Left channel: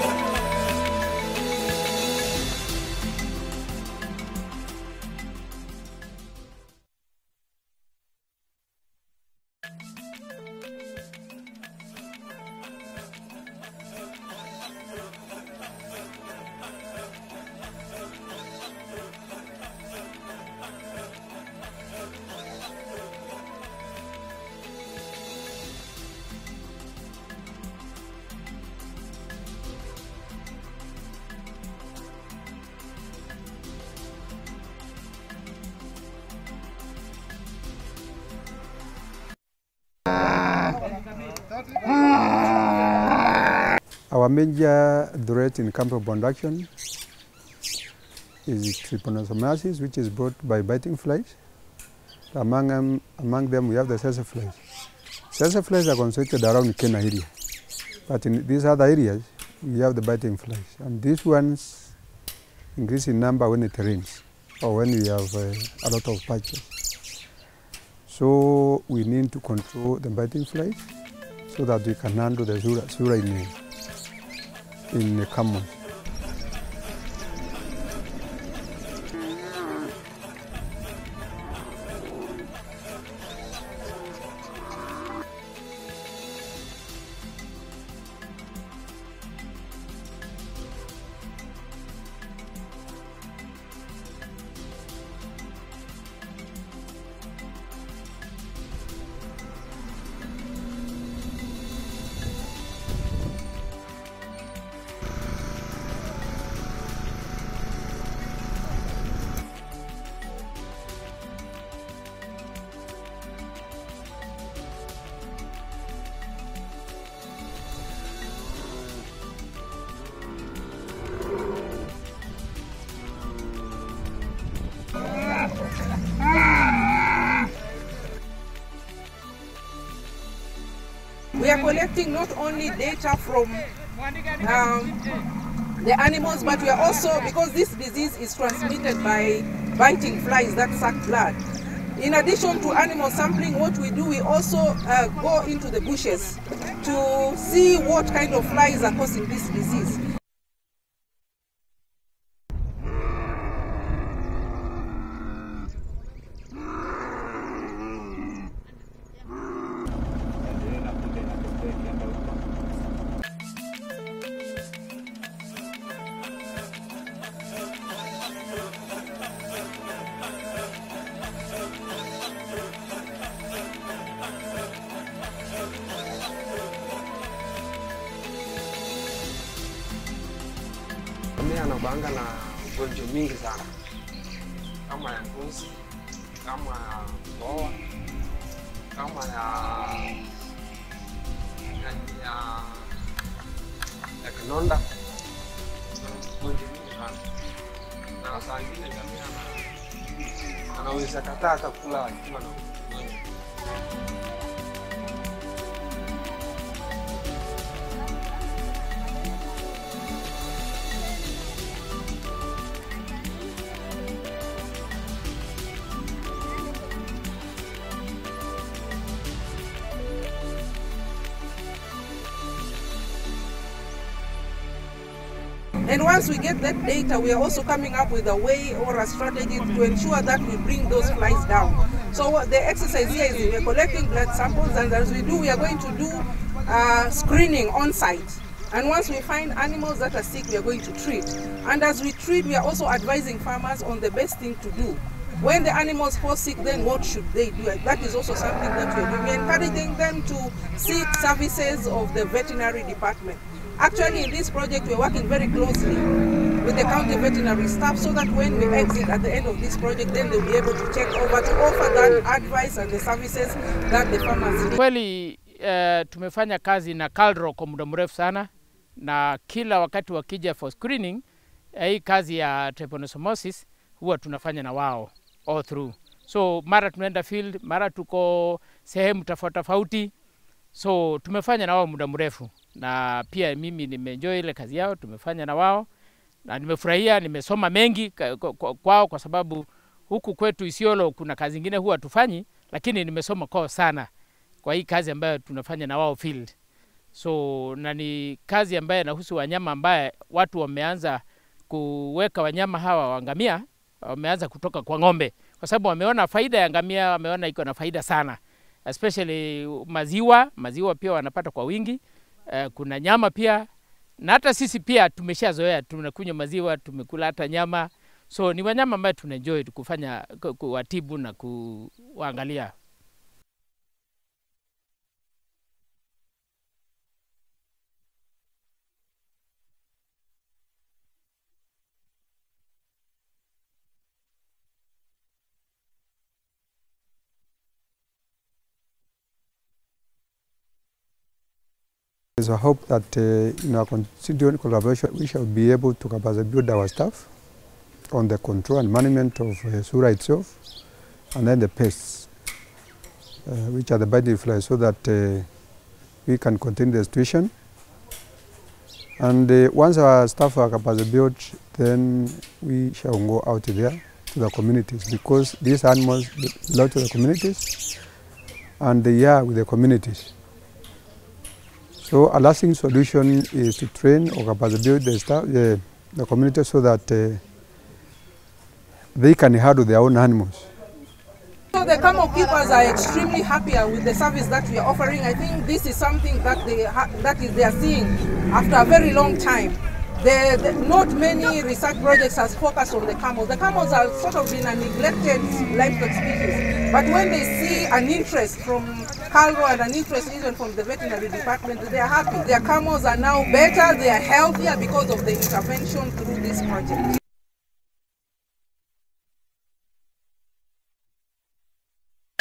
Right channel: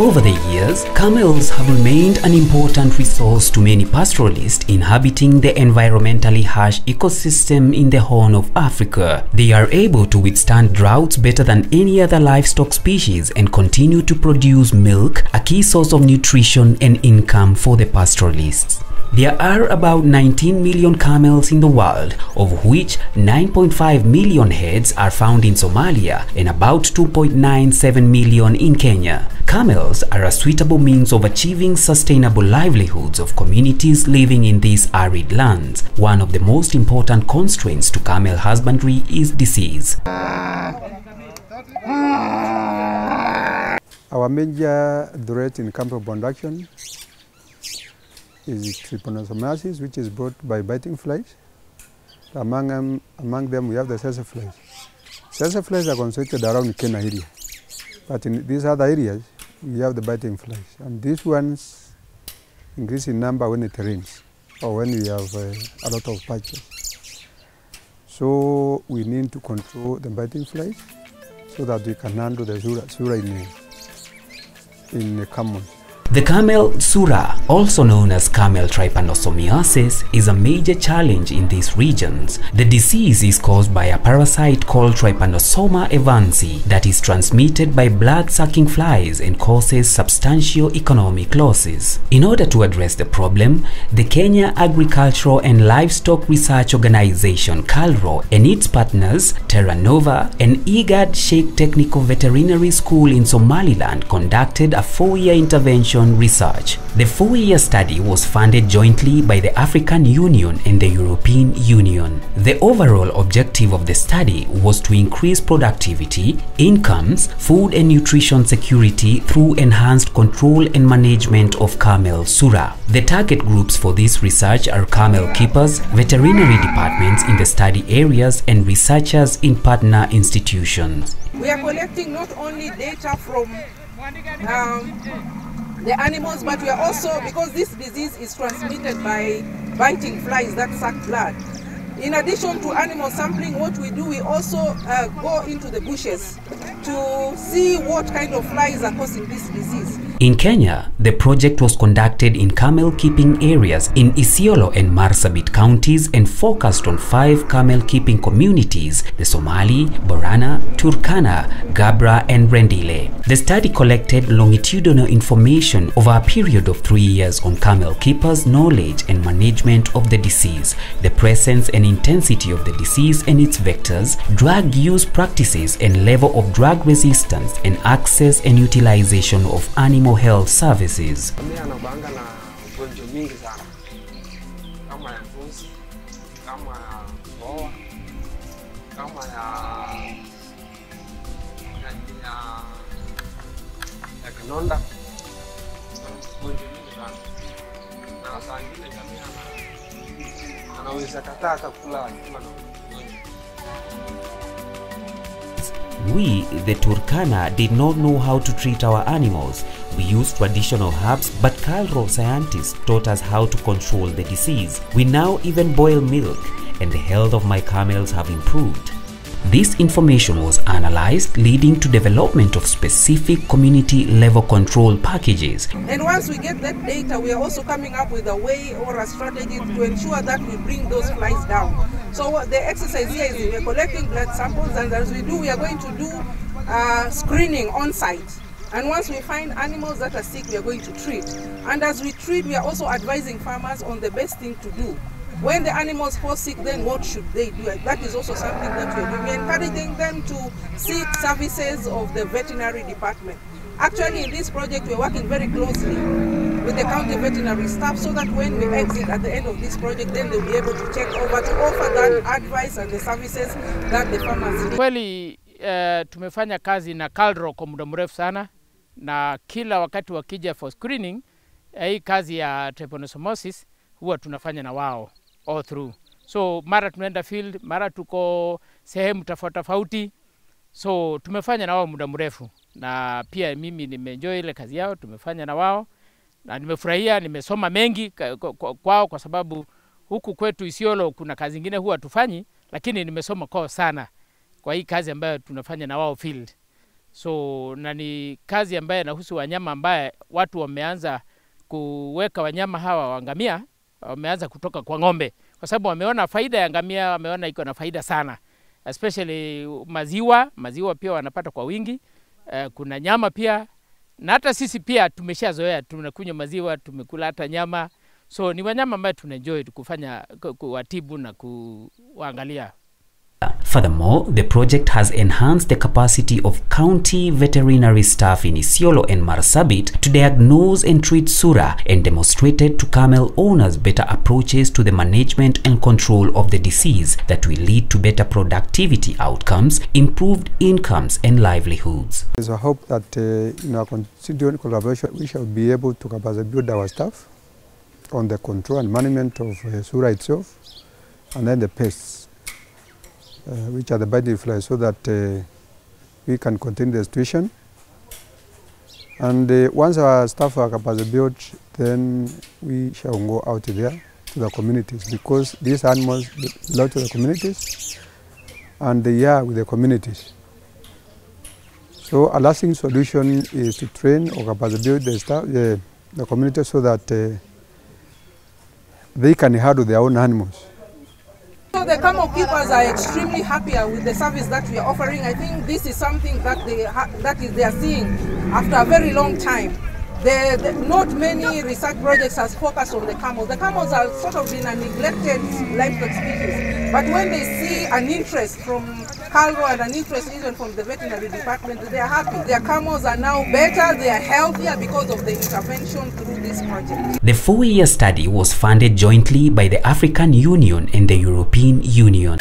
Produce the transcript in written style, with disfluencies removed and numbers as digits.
Over the years, camels have remained an important resource to many pastoralists inhabiting the environmentally harsh ecosystem in the Horn of Africa. They are able to withstand droughts better than any other livestock species and continue to produce milk, a key source of nutrition and income for the pastoralists. There are about 19 million camels in the world, of which 9.5 million heads are found in Somalia and about 2.97 million in Kenya. Camels are a suitable means of achieving sustainable livelihoods of communities living in these arid lands. One of the most important constraints to camel husbandry is disease. Our major threat in camel production is trypanosomosis, which is brought by biting flies. Among them we have the sessile flies. Sessile flies are concentrated around Kenya area, but in these other areas we have the biting flies, and these ones increase in number when it rains or when we have a lot of patches. So we need to control the biting flies so that we can handle the Surra in the camels. The camel Surra, also known as camel trypanosomosis, is a major challenge in these regions. The disease is caused by a parasite called Trypanosoma evansi that is transmitted by blood-sucking flies and causes substantial economic losses. In order to address the problem, the Kenya Agricultural and Livestock Research Organization KALRO and its partners Terra, Nouva and IGAD Sheikh Technical Veterinary School in Somaliland conducted a 4-year intervention research. The 4-year study was funded jointly by the African Union and the European Union. The overall objective of the study was to increase productivity, incomes, food and nutrition security through enhanced control and management of camel Surra. The target groups for this research are camel keepers, veterinary departments in the study areas and researchers in partner institutions. We are collecting not only data from the animals, but we are also, because this disease is transmitted by biting flies that suck blood. In addition to animal sampling, what we do, we also go into the bushes to see what kind of flies are causing this disease. In Kenya, the project was conducted in camel keeping areas in Isiolo and Marsabit counties and focused on 5 camel keeping communities: the Somali, Borana, Turkana, Gabra and Rendile. The study collected longitudinal information over a period of 3 years on camel keepers' knowledge and management of the disease, the presence and intensity of the disease and its vectors, drug use practices and level of drug resistance, and access and utilization of animal health services. We, the Turkana, did not know how to treat our animals. We used traditional herbs, but KALRO scientists taught us how to control the disease. We now even boil milk, and the health of my camels have improved. This information was analyzed, leading to development of specific community-level control packages. And once we get that data, we are also coming up with a way or a strategy to ensure that we bring those flies down. So the exercise here is we are collecting blood samples, and as we do, we are going to do screening on site. And once we find animals that are sick, we are going to treat. And as we treat, we are also advising farmers on the best thing to do. When the animals fall sick, then what should they do? That is also something that we are doing. We are encouraging them to seek services of the veterinary department. Actually, in this project, we are working very closely with the county veterinary staff so that when we exit at the end of this project, then they'll be able to check over to offer that advice and the services that the farmers need. Kweli tumefanya kazi na KALRO kwa muda mrefu sana, na kila wakati wakija for screening, hii kazi ya trypanosomosis huwa tunafanya na wao all through. So mara tunaenda field, mara tuko sehemu tofauti. So tumefanya na wao muda mrefu, na pia mimi nimeenjoy ile kazi yao tumefanya na wao, na nimefurahia, nimesoma mengi kwao kwa sababu huku kwetu Isiolo kuna kazi nyingine huwa tufanyi, lakini nimesoma kwao sana kwa hii kazi ambayo tunafanya na wao field. So na ni kazi ambayo inahusu wanyama ambaye watu wameanza kuweka wanyama hawa wa ngamia, wameanza kutoka kwa ng'ombe. Kwa sababu wameona faida ya ngamia, wameona iko na faida sana. Especially maziwa pia wanapata kwa wingi. Kuna nyama pia, na hata sisi pia tumeshazoea, tunakunywa maziwa, tumekula hata nyama. So ni wanyama ambayo tunaenjoy kufanya, kuwatibu na kuangalia. Furthermore, the project has enhanced the capacity of county veterinary staff in Isiolo and Marsabit to diagnose and treat Surra, and demonstrated to camel owners better approaches to the management and control of the disease that will lead to better productivity outcomes, improved incomes and livelihoods. There's a hope that in our continued collaboration we shall be able to build our staff on the control and management of Surra itself, and then the pests, which are the biting flies, so that we can contain the situation. And once our staff are capacity built, then we shall go out there to the communities, because these animals belong to the communities and they are with the communities. So a lasting solution is to train or capacity build the staff, the community, so that they can handle their own animals. So the camel keepers are extremely happy with the service that we are offering. I think this is something that they are seeing after a very long time. Not many research projects has focused on the camels. The camels are sort of been a neglected livestock species. But when they see an interest from KALRO and an interest even from the veterinary department, they are happy. Their camels are now better, they are healthier because of the intervention through this project. The 4-year study was funded jointly by the African Union and the European Union.